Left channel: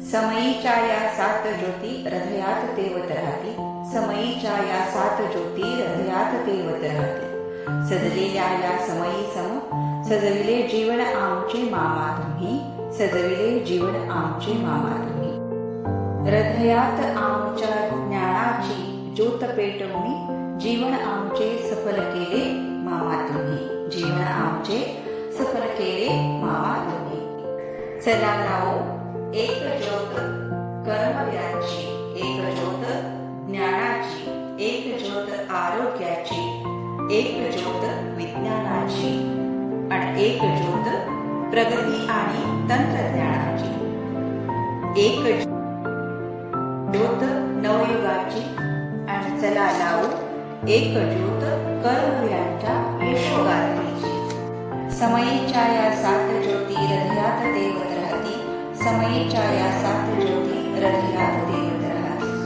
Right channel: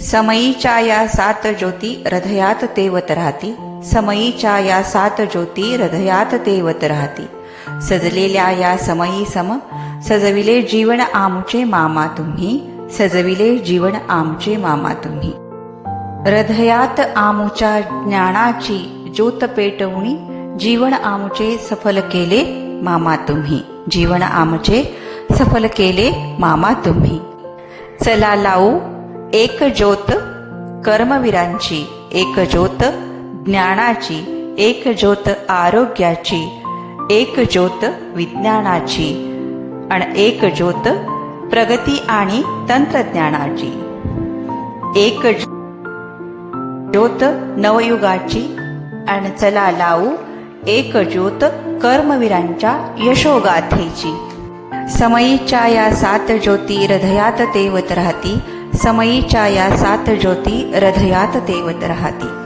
समयीच्या या सात ज्योती हृदयात तेवत राहती. समयीच्या या सात ज्योती हृदयात तेवत राहती. सजलेल्या या समयी सम सजविले जीवन आमचे मामा तुम्ही. सजविले जीवन आमचे मामा तुम्ही. हृदयात आमुच्या ज्ञानाची ज्योत पेटवणी जीवन आमचे सफल केले मामा तुम्ही. जीवन आमचे सफल केले मामा तुम्ही. चला लावू एक ज्योत कर्मवीरांची, एक ज्योत ज्ञानाची, एक ज्योत आरोग्याची, एक ज्योत विज्ञानाची आणि एक ज्योत प्रगती आणि तंत्रज्ञानाची. एक ज्योत नवयुगाची आणि चला लावू एक ज्योत कर्मवीरांच्या यशोगाथेची. समयीच्या या सात ज्योती हृदयात तेवत राहती. समयीच्या या सात ज्योती हृदयात तेवत राहती.